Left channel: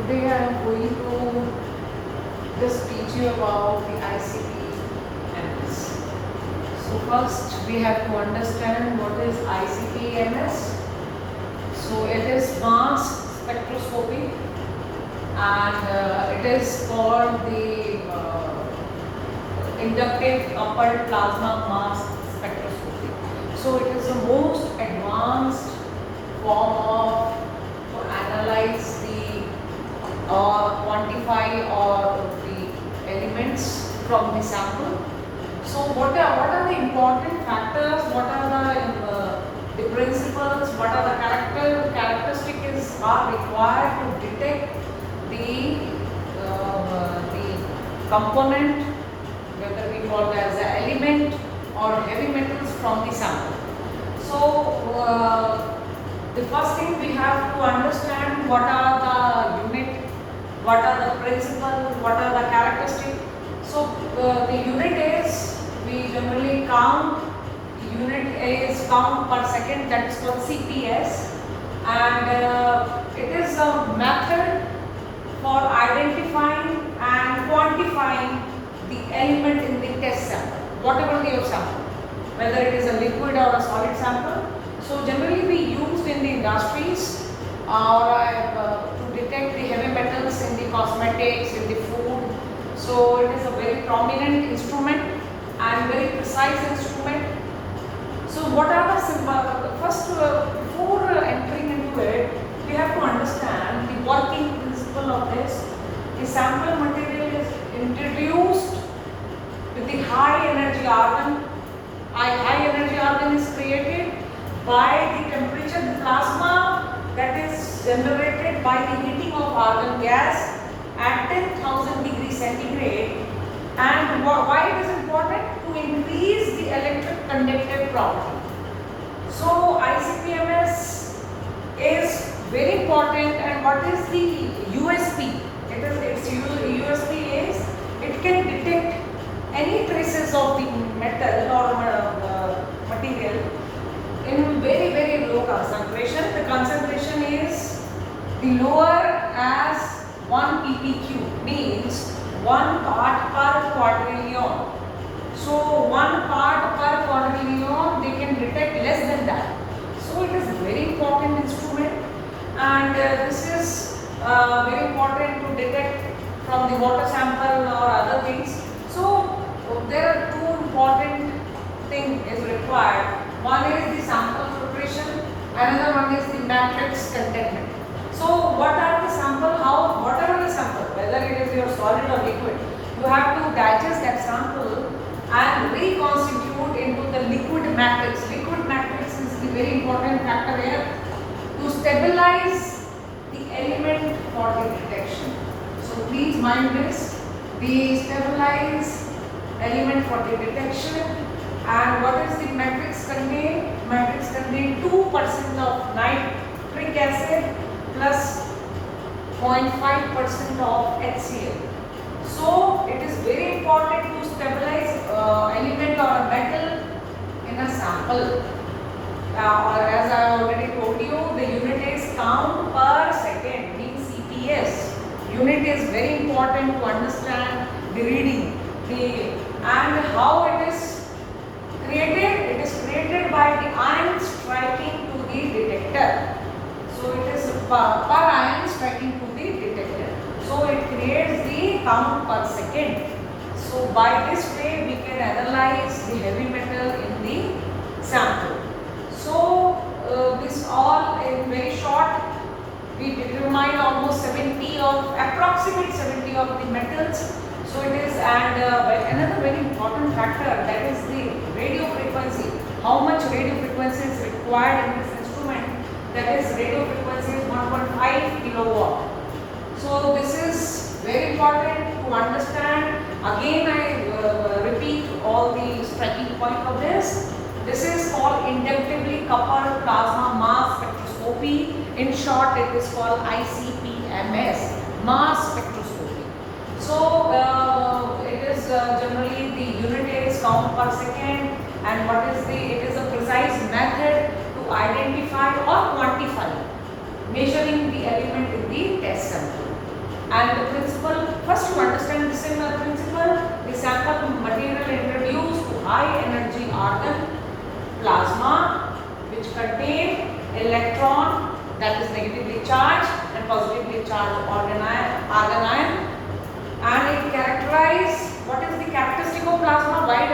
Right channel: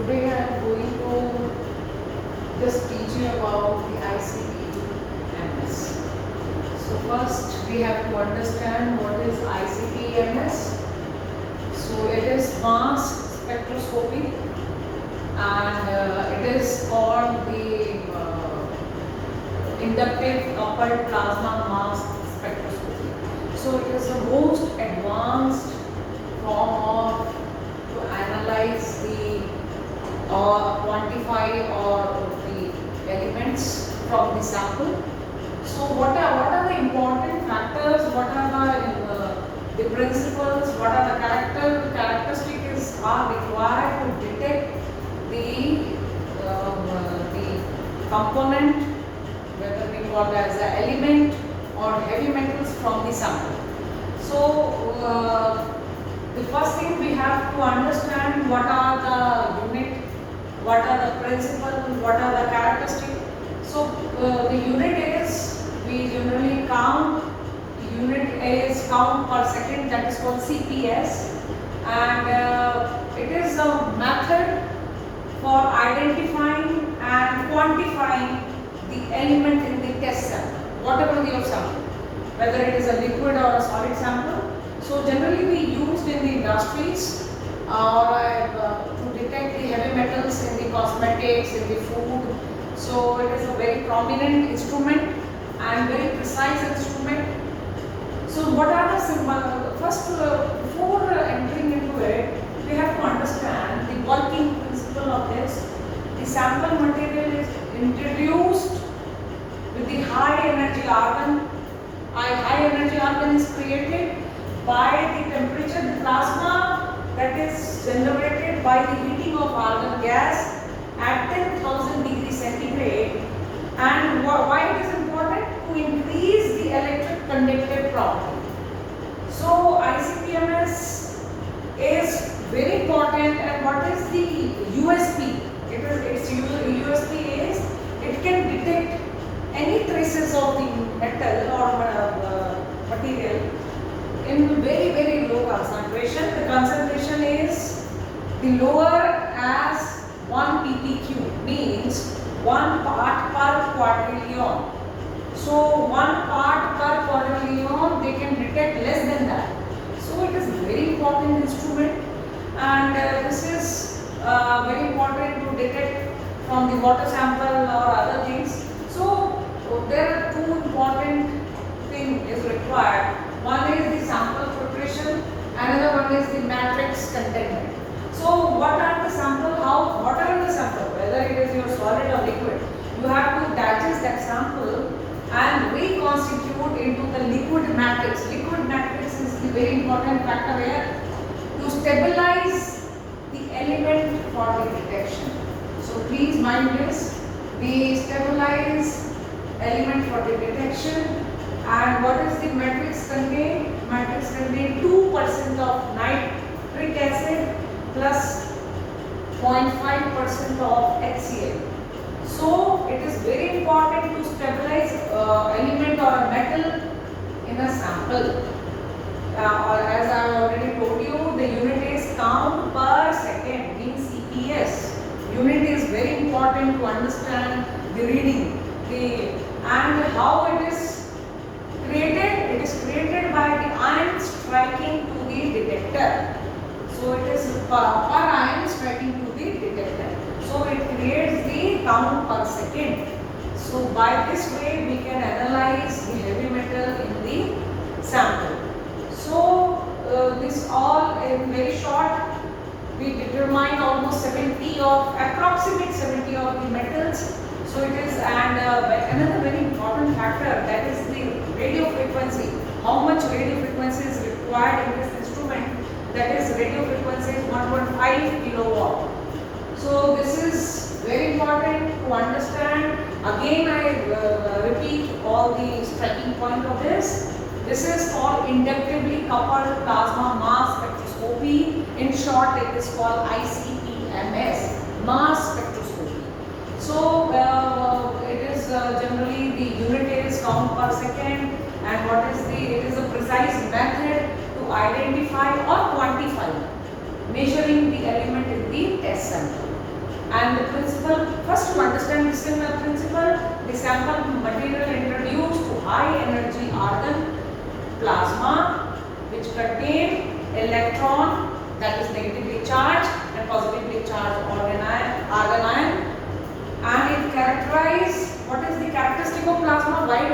Today I am going to just teach you about the ICP-MS. So first we have to understand what is ICP-MS. So it is mass spectroscopy, and it is called the inductive coupled plasma mass spectroscopy. So it is the most advanced form of to analyze the or quantify or the elements from the sample. So what are the important factors? What are the principles? What are the characteristics are required to detect the component, whether we call it as an element or heavy metals from the sample. So the first thing we have to understand what are the unit, what are the principles, what are the characteristics. So the unit is, we generally count, the unit is count per second, that is called CPS, and it is a method for identifying and quantifying the element in the test sample, whatever your sample, whether it is a liquid or a solid sample. So generally we used in the industries to detect the heavy metals in the cosmetics, in the food. So it is a very prominent instrument and very precise instrument. So what are the simple, first before entering into it, we have to understand the working principle of this. The sample material is introduced with the high energy argon. High energy argon is created by the temperature plasma that is generated by the heating of argon gas at 10,000 degrees centigrade. And why it is important? To increase the electric conductive property. So ICP-MS is very important, and what is the USP? Its USP is it can detect any traces of the metal or material in very low concentration. The concentration is the lower as 1 ppq, means 1 part per quadrillion. So 1 part per quadrillion they can detect less than that. So it is a very important instrument, and this is very important to detect from the water sample or other things. So there are two important things is required. One is the sample filtration, another one is the matrix containment. So what are the sample, whatever the sample, whether it is your solid or liquid, you have to digest that sample and reconstitute into the liquid matrix. Liquid matrix is the very important factor here to stabilize the element for the detection. So please mind this, we stabilize element for the detection. And what is the matrix contain? Matrix contain 2% of nitric acid plus 0.5% of HCl. So it is very important to stabilize element or a metal in a sample. Or as I already told you, the unit is count per second, means CPS. Unit is very important to understand the reading. And how it is created? It is created by the ion striking to the detector. So it is per ion striking to the detector. So it creates the count per second. So by this way we can analyze the heavy metal in the sample. So this all in very short, we determine almost approximate 70 of the metals. So it is, and another very important factor, that is the radio frequency. How much radio frequency is required in this instrument? That is, radio frequency is 1.5 kilowatt. So this is very important to understand. Again I repeat all the striking point of this. This is called inductively coupled plasma mass spectroscopy. In short, it is called ICP-MS, mass spectroscopy. So it is generally the unit is count per second, and what is it is a precise method to identify or quantify measuring the element in the test sample. And the principle, first to understand the similar principle, the sample material introduced to high energy argon plasma which contain electron that is negatively charged and positively charged argon ion, and it characterize what is the characteristic of plasma. Why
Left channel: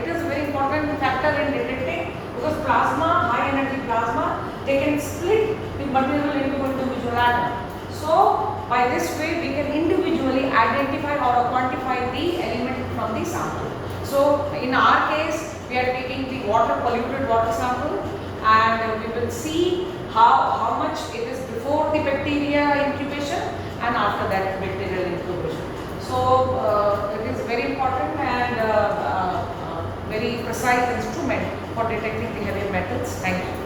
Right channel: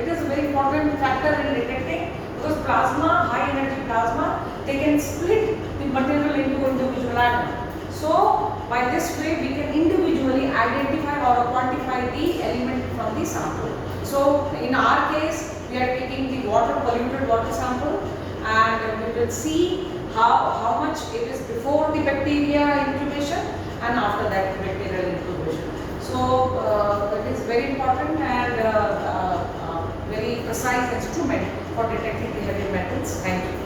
it is a very important factor in detecting, because plasma, high energy plasma, they can split the material into individual atoms. So by this way we can individually identify or quantify the element from the sample. So in our case we are taking the polluted water sample, and we will see how much it is before the bacteria incubation and after that bacterial incubation. So it is very important and very precise instrument for detecting the heavy metals. Thank you.